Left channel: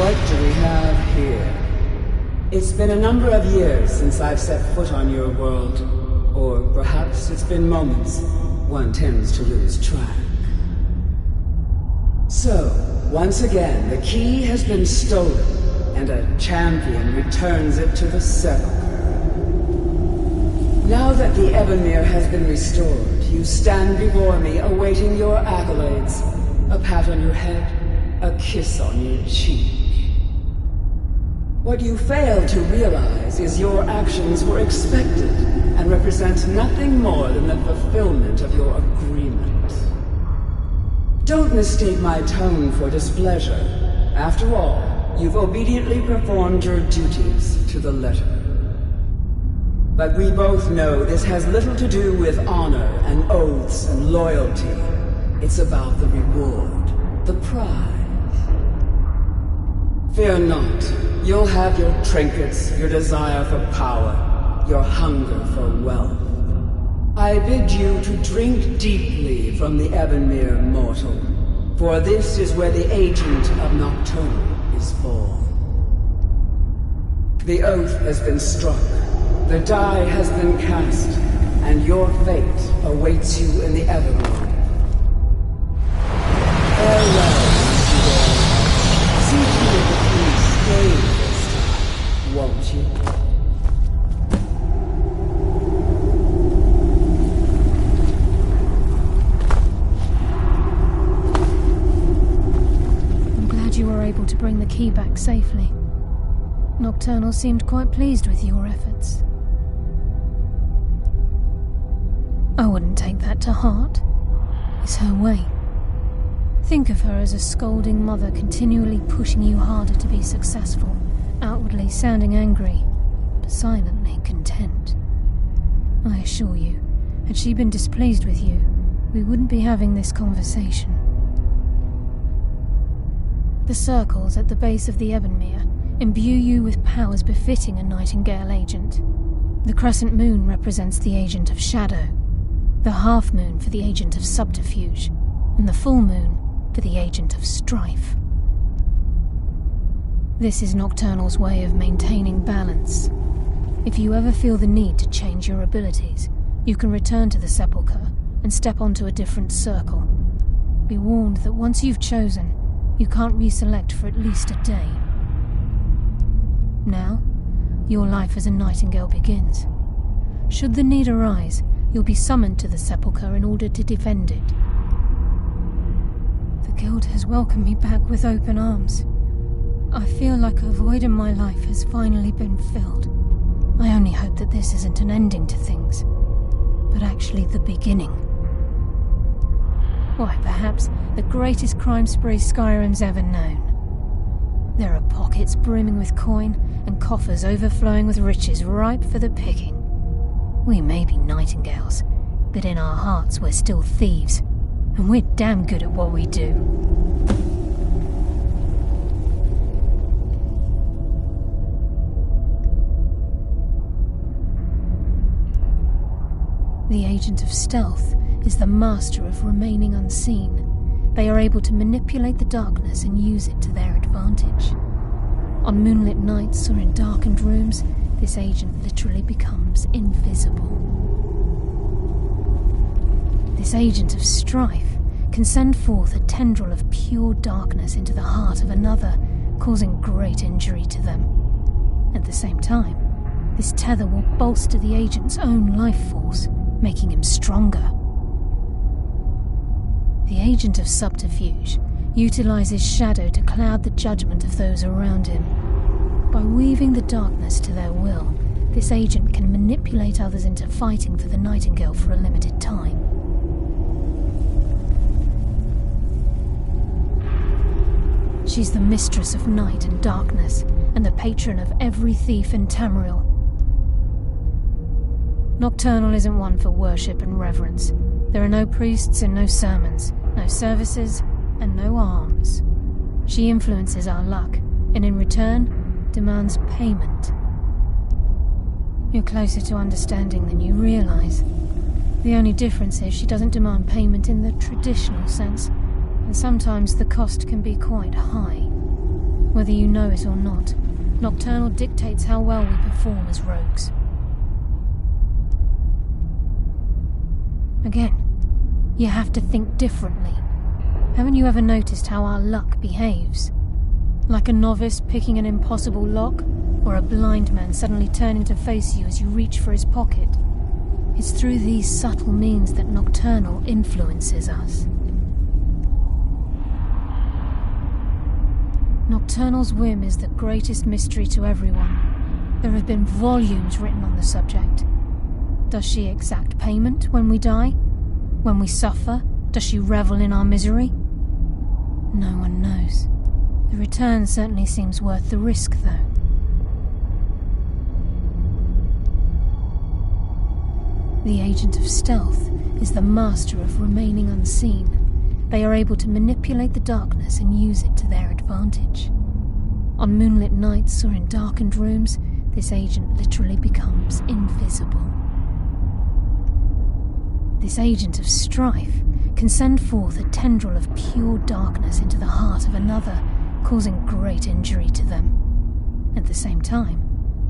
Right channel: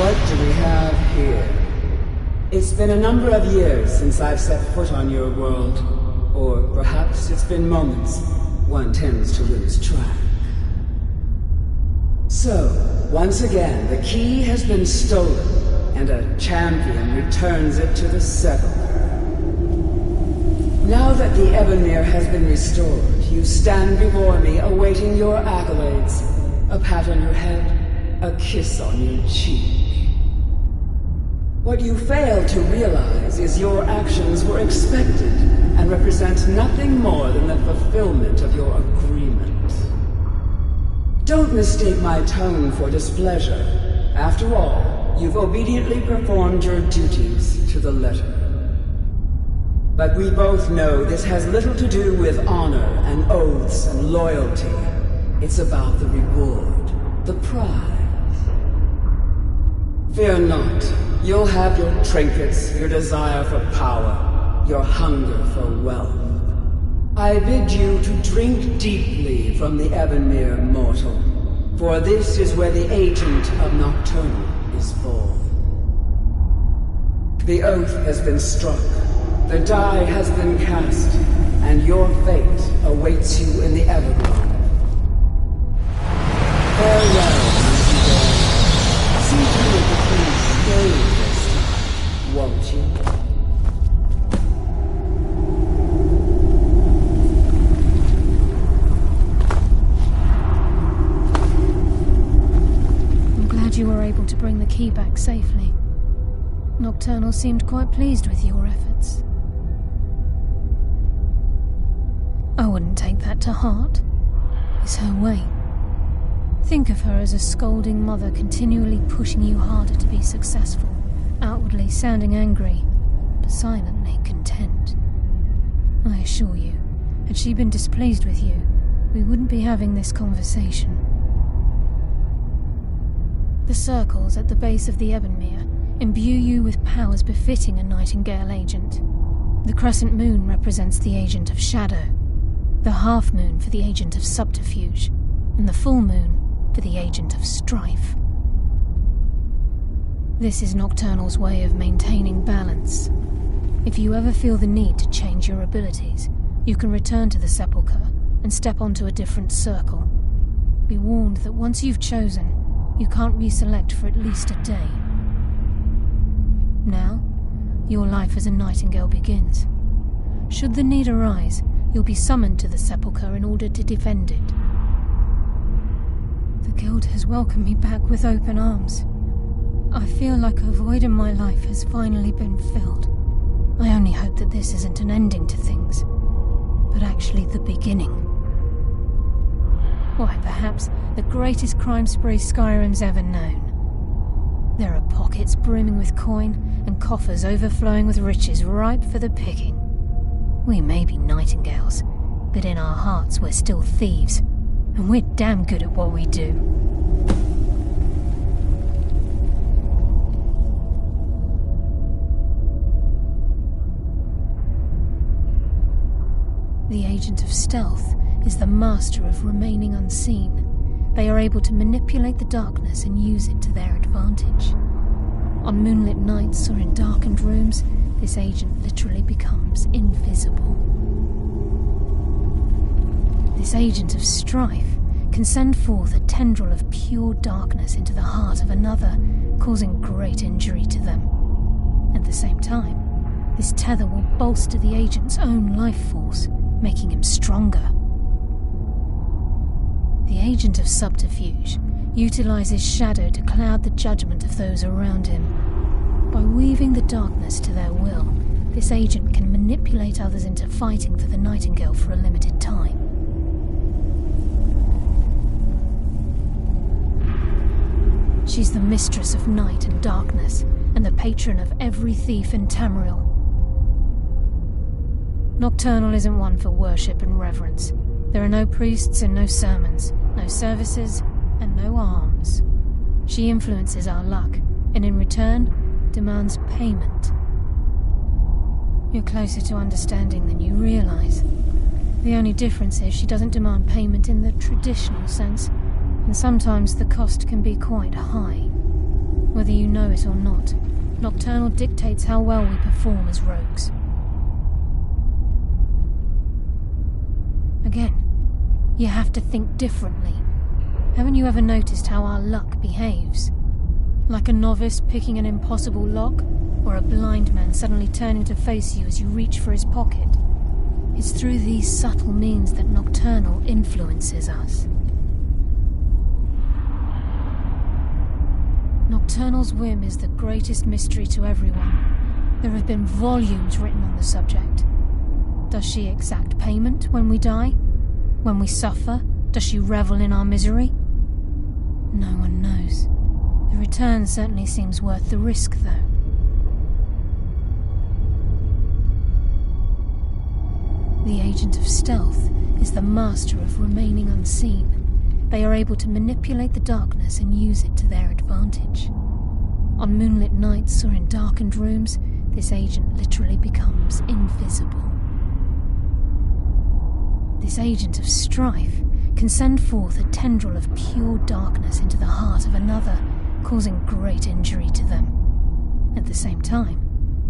What do we have here? It's been a number of years since I've set foot on your world. Or perhaps it's been moments. One tends to lose track. So, once again, the key has been stolen, and a champion returns it to the sepulchre. Now that the Ebonmere has been restored, you stand before me awaiting your accolades. A pat on your head, a kiss on your cheek. What you fail to realize is your actions were expected and represent nothing more than the fulfillment of your agreement. Don't mistake my tone for displeasure. After all, you've obediently performed your duties to the letter. But we both know this has little to do with honor and oaths and loyalty. It's about the reward, the prize. Fear not. You'll have your trinkets, your desire for power, your hunger for wealth. I bid you to drink deeply from the Ebonmere mortal, for this is where the agent of Nocturnal is born. The oath has been struck, the die has been cast, and your fate awaits you in the Evergrove. Farewell, Nightingale. See to it that you stay this time, won't you? I'm glad you were able to bring the key back safely. Nocturnal seemed quite pleased with your efforts. I wouldn't take that to heart. It's her way. Think of her as a scolding mother continually pushing you harder to be successful, outwardly sounding angry, but silently content. I assure you, had she been displeased with you, we wouldn't be having this conversation. The circles at the base of the Ebonmere imbue you with powers befitting a Nightingale agent. The crescent moon represents the agent of shadow, the half moon for the agent of subterfuge, and the full moon for the agent of strife. This is Nocturnal's way of maintaining balance. If you ever feel the need to change your abilities, you can return to the sepulchre and step onto a different circle. Be warned that once you've chosen, you can't reselect for at least a day. Now, your life as a Nightingale begins. Should the need arise, you'll be summoned to the sepulchre in order to defend it. The Guild has welcomed me back with open arms. I feel like a void in my life has finally been filled. I only hope that this isn't an ending to things, but actually the beginning. Why, perhaps the greatest crime spree Skyrim's ever known. There are pockets brimming with coin and coffers overflowing with riches ripe for the picking. We may be Nightingales, but in our hearts we're still thieves, and we're damn good at what we do. The agent of stealth is the master of remaining unseen. They are able to manipulate the darkness and use it to their advantage. On moonlit nights or in darkened rooms, this agent literally becomes invisible. This agent of strife can send forth a tendril of pure darkness into the heart of another, causing great injury to them. At the same time, this tether will bolster the agent's own life force, making him stronger. The agent of subterfuge utilizes shadow to cloud the judgment of those around him. By weaving the darkness to their will, this agent can manipulate others into fighting for the Nightingale for a limited time. She's the mistress of night and darkness, and the patron of every thief in Tamriel. Nocturnal isn't one for worship and reverence. There are no priests and no sermons, no services and no alms. She influences our luck, and in return, demands payment. You're closer to understanding than you realize. The only difference is she doesn't demand payment in the traditional sense, and sometimes the cost can be quite high. Whether you know it or not, Nocturnal dictates how well we perform as rogues. Again, you have to think differently. Haven't you ever noticed how our luck behaves? Like a novice picking an impossible lock, or a blind man suddenly turning to face you as you reach for his pocket. It's through these subtle means that Nocturnal influences us. Nocturnal's whim is the greatest mystery to everyone. There have been volumes written on the subject. Does she exact payment when we die? When we suffer, does she revel in our misery? No one knows. The return certainly seems worth the risk, though. The agent of stealth is the master of remaining unseen. They are able to manipulate the darkness and use it to their advantage. On moonlit nights or in darkened rooms, this agent literally becomes invisible. This agent of strife can send forth a tendril of pure darkness into the heart of another, causing great injury to them. At the same time,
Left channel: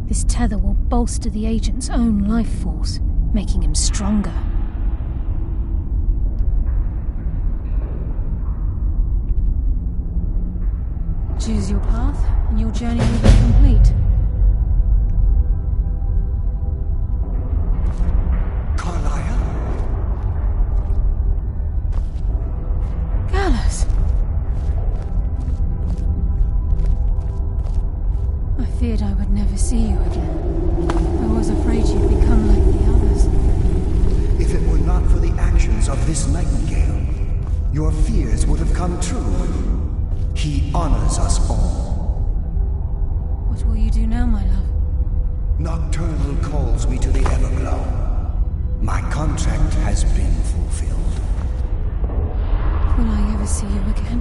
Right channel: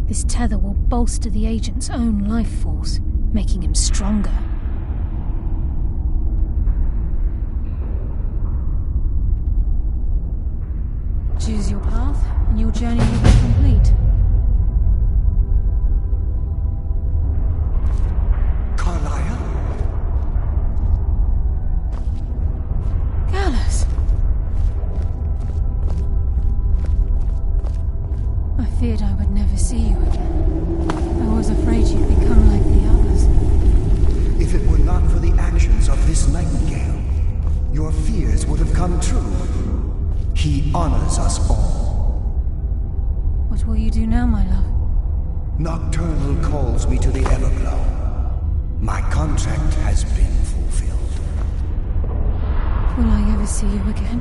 this tether will bolster the agent's own life force, making him stronger. Choose your path, and your journey will be complete. Carlia? Gallus! I feared I would never see you again. I was afraid you'd become like the others. If it were not for the actions of this nightingale, your fears would have come true. He honors us all. What will you do now, my love? Nocturnal calls me to the Everglow. My contract has been fulfilled. Will I ever see you again?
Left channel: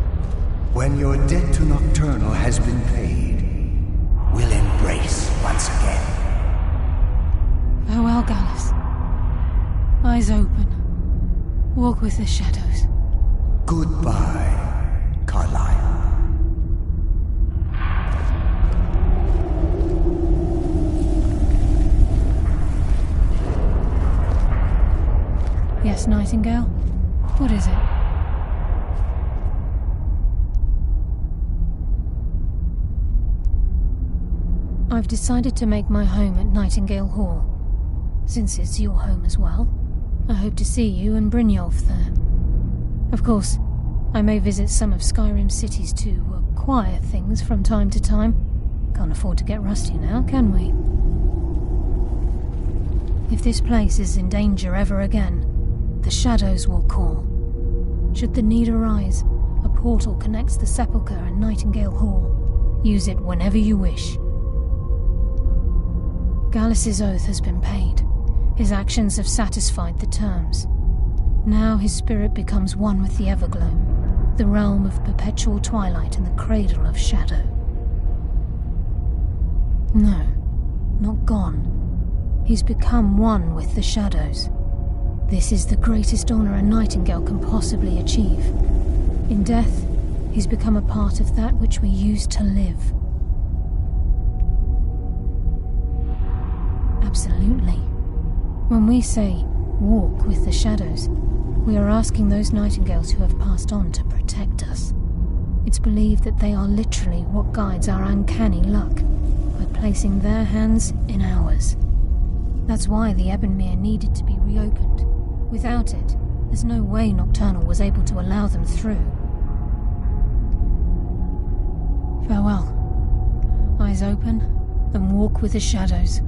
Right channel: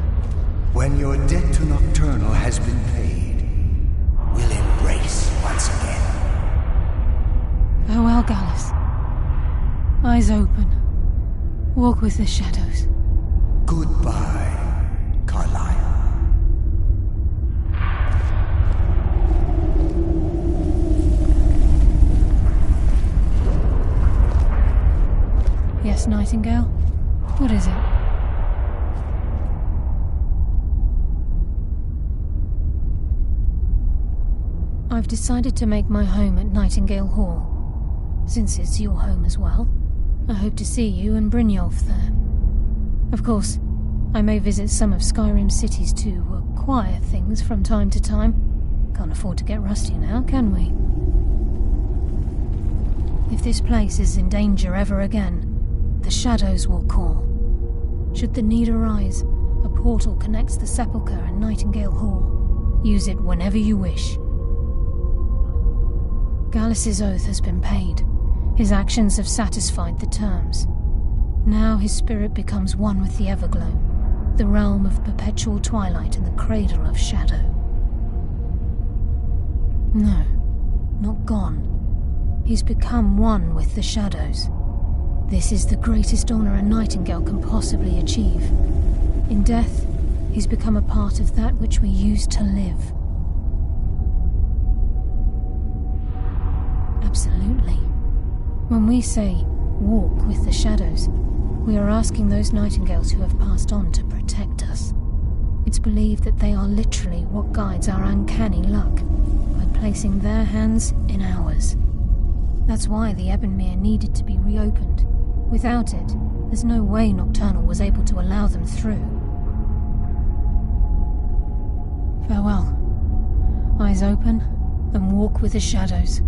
When your debt to Nocturnal has been paid, we'll embrace once again. Farewell, Gallus. Eyes open. Walk with the shadows. Goodbye, Carlia. Yes, Nightingale? What is it? I've decided to make my home at Nightingale Hall. Since it's your home as well, I hope to see you and Brynjolf there. Of course, I may visit some of Skyrim cities to acquire things from time to time. Can't afford to get rusty now, can we? If this place is in danger ever again, the shadows will call. Should the need arise, a portal connects the Sepulchre and Nightingale Hall. Use it whenever you wish. Gallus's oath has been paid. His actions have satisfied the terms. Now his spirit becomes one with the Everglow, the realm of perpetual twilight and the cradle of shadow. No, not gone. He's become one with the shadows. This is the greatest honor a Nightingale can possibly achieve. In death, he's become a part of that which we used to live. Absolutely. When we say, walk with the shadows, we are asking those Nightingales who have passed on to protect us. It's believed that they are literally what guides our uncanny luck, by placing their hands in ours. That's why the Ebonmere needed to be reopened. Without it, there's no way Nocturnal was able to allow them through. Farewell. Eyes open, and walk with the shadows.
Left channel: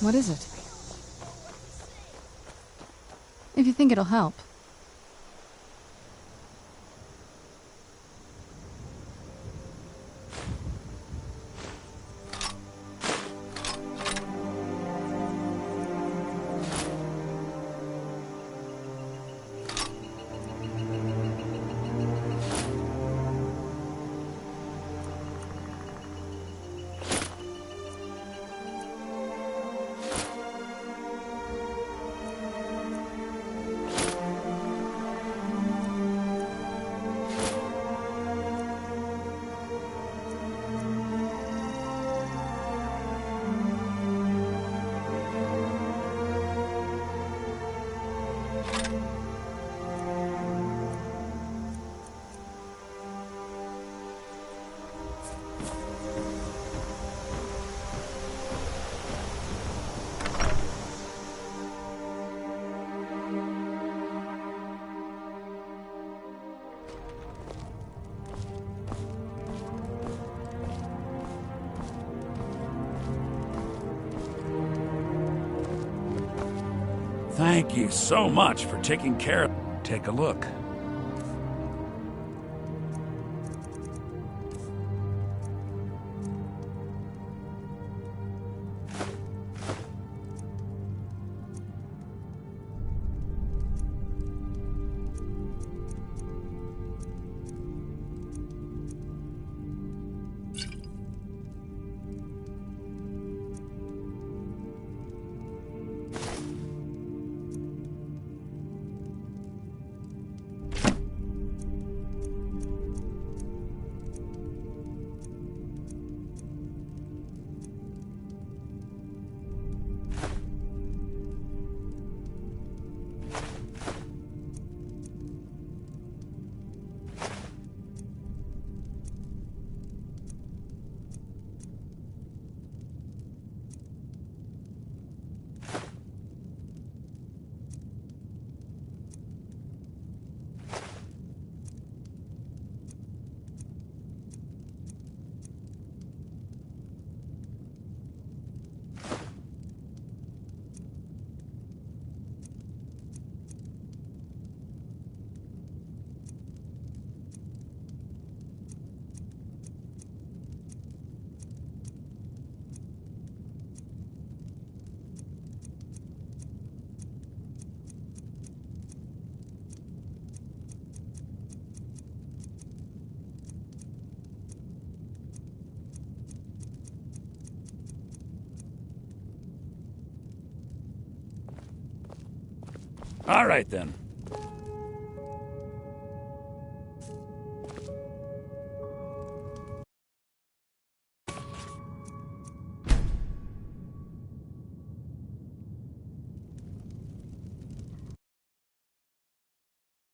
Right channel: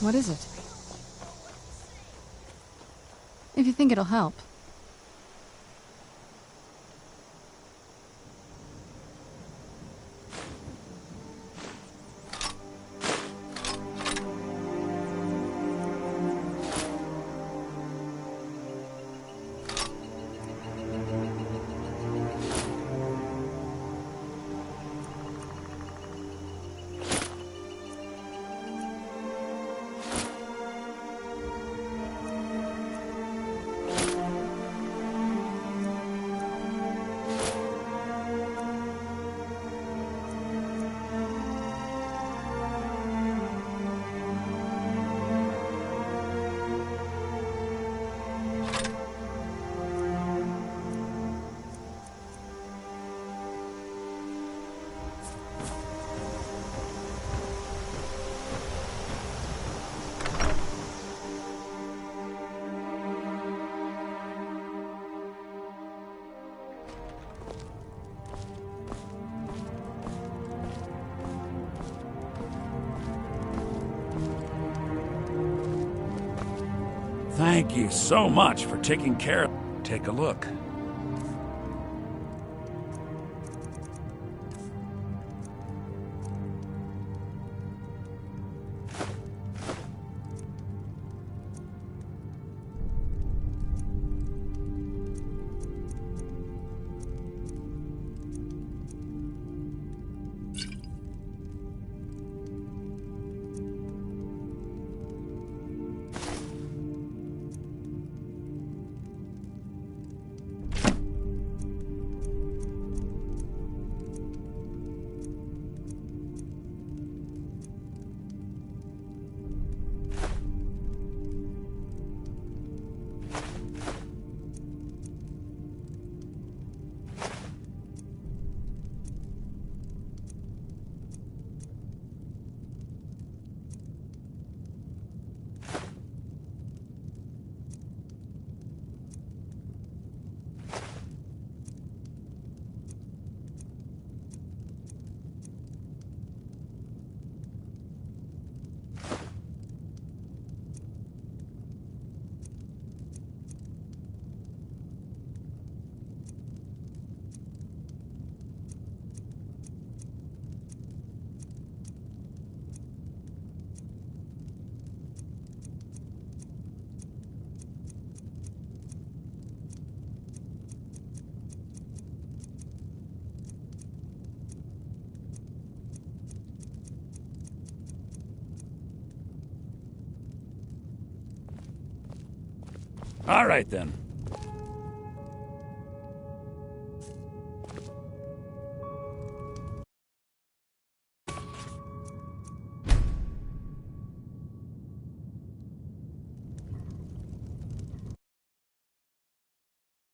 What is it? If you think it'll help. Thank you so much for taking care of... Take a look. All right, then.